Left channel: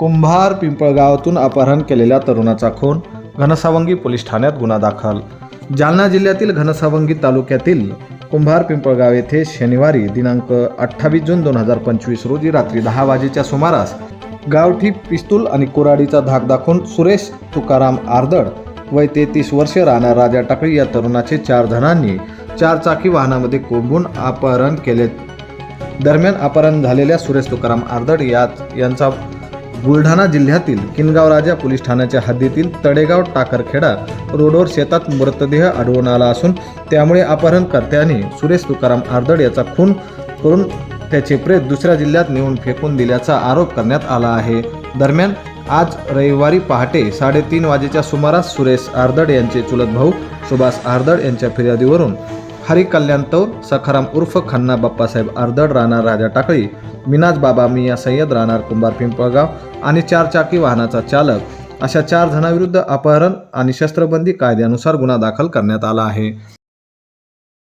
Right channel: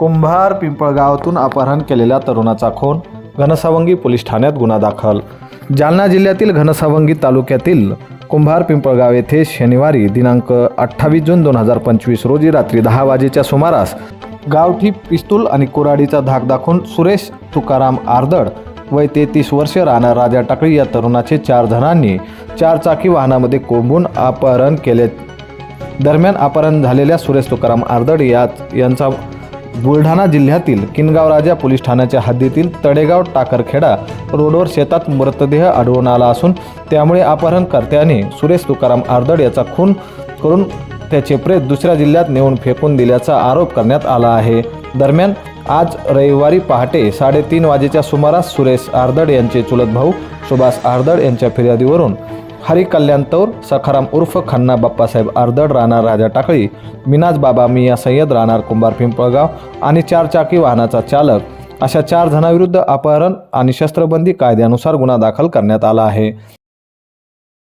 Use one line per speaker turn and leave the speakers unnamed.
कुंभार पिंपळगावातून अपहरण केलेल्या तरुणाचा खून घनसावंगी पोलीस ठाण्यात गुन्हा दाखल. जालना जिल्ह्यातील घनसावंगी तालुक्यातील कुंभार पिंपळगाव येथे शनिवारी दिनांक अठ्ठावीस जून दोन हजार पंचवीस रोजी रात्री दहा वाजेच्या सुमारास गावठी पिस्तूल आणि कुऱ्हाडीचा धाक दाखवून सुरेश तुकाराम आर्दड वय तेहतीस वर्ष राहणार राजा टाकळी या तरुणाचे चार जणांनी चार चाकी वाहनामध्ये कोंबून अपहरण केले. दरम्यान अपहरण झालेल्या सुरेश तुकाराम आर्दड यात यांचा बुलढाणा जिल्ह्यातील किनगाव राजा पोलीस ठाण्याच्या हद्दीतील तडेगाव टाकरखेडा रोडवर शेतात मृतदेह आढळून आला असून त्यामुळे अपहरणकर्त्याने सुरेश तुकाराम आर्दड याचा खून करून त्याचे प्रेत दुसऱ्या जिल्ह्यात नेऊन फेकून दिल्याचा आरोप करण्यात आला आहे. दरम्यान आज रविवारी पहाटे साडेतीन वाजेच्या सुमारास सुरेश आर्दड यांचे चुलत भाऊ सुभाष आर्दड यांच्या फिर्यादीवरून हरी कल्याण तौर सखाराम उर्फ खन्ना बाप्पासाहेब आर्दड राहणार राजा टाकळी मिनाज बाबा मिया सय्यद राहणार कुंभार पिंपळगाव आणि चारचाकी वाहनाचा चालक. अशा चार जणांविरुद्ध अपहरण आणि शस्त्रबंदी कायद्यानुसार गुन्हा दाखल करण्यात आला आहे.